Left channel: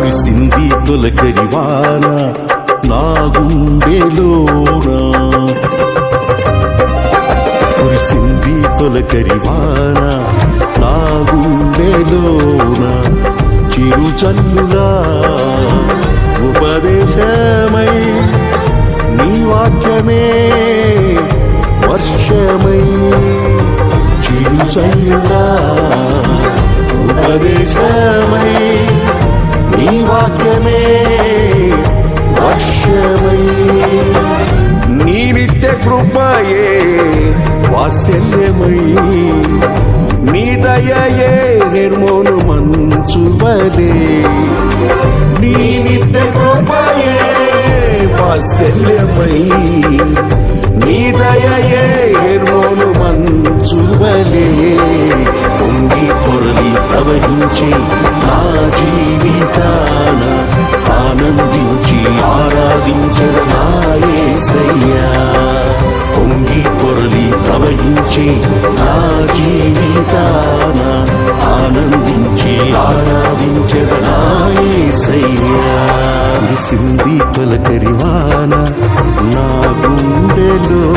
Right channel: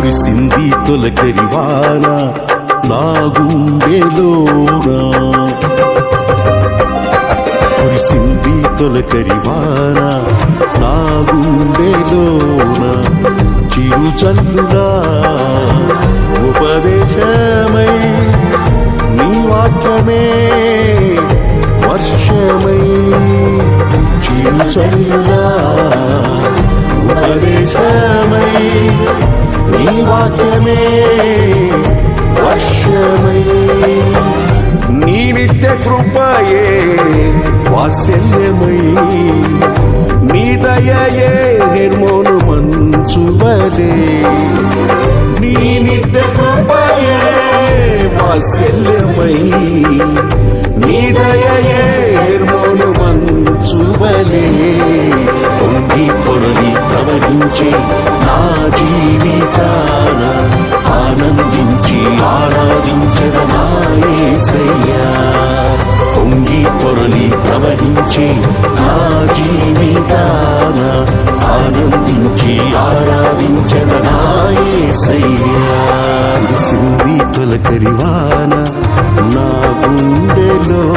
కురిసింది తొలకరివాన నా గుండెలోనా, కురిసింది తొలకరివాన నా గుండెలోన, చిరుచల్లులా ఉపదేశమై నీ వాక్యమే వర్షమై, చిరుచల్లులా ఉపదేశమై నీ వాక్యమే వర్షమై, నీ నిత్య కృపయే వాత్సల్యమై, నీ దయయే హెర్మోను మంచువలే, నీ నిత్య కృపయే వాత్సల్యమై, నీ దయయే హెర్మోను మంచువలే, పొంగి పొరలి ప్రవహించి నా జీవితాన ఆనందించి ఆరాధించెద నా యేసయ్యా, పొంగి పొరలి ప్రవహించి నా జీవితాన ఆనందించి ఆరాధించెద నా యేసయ్యా. కురిసింది తొలకరివాన నా గుండెలోనా.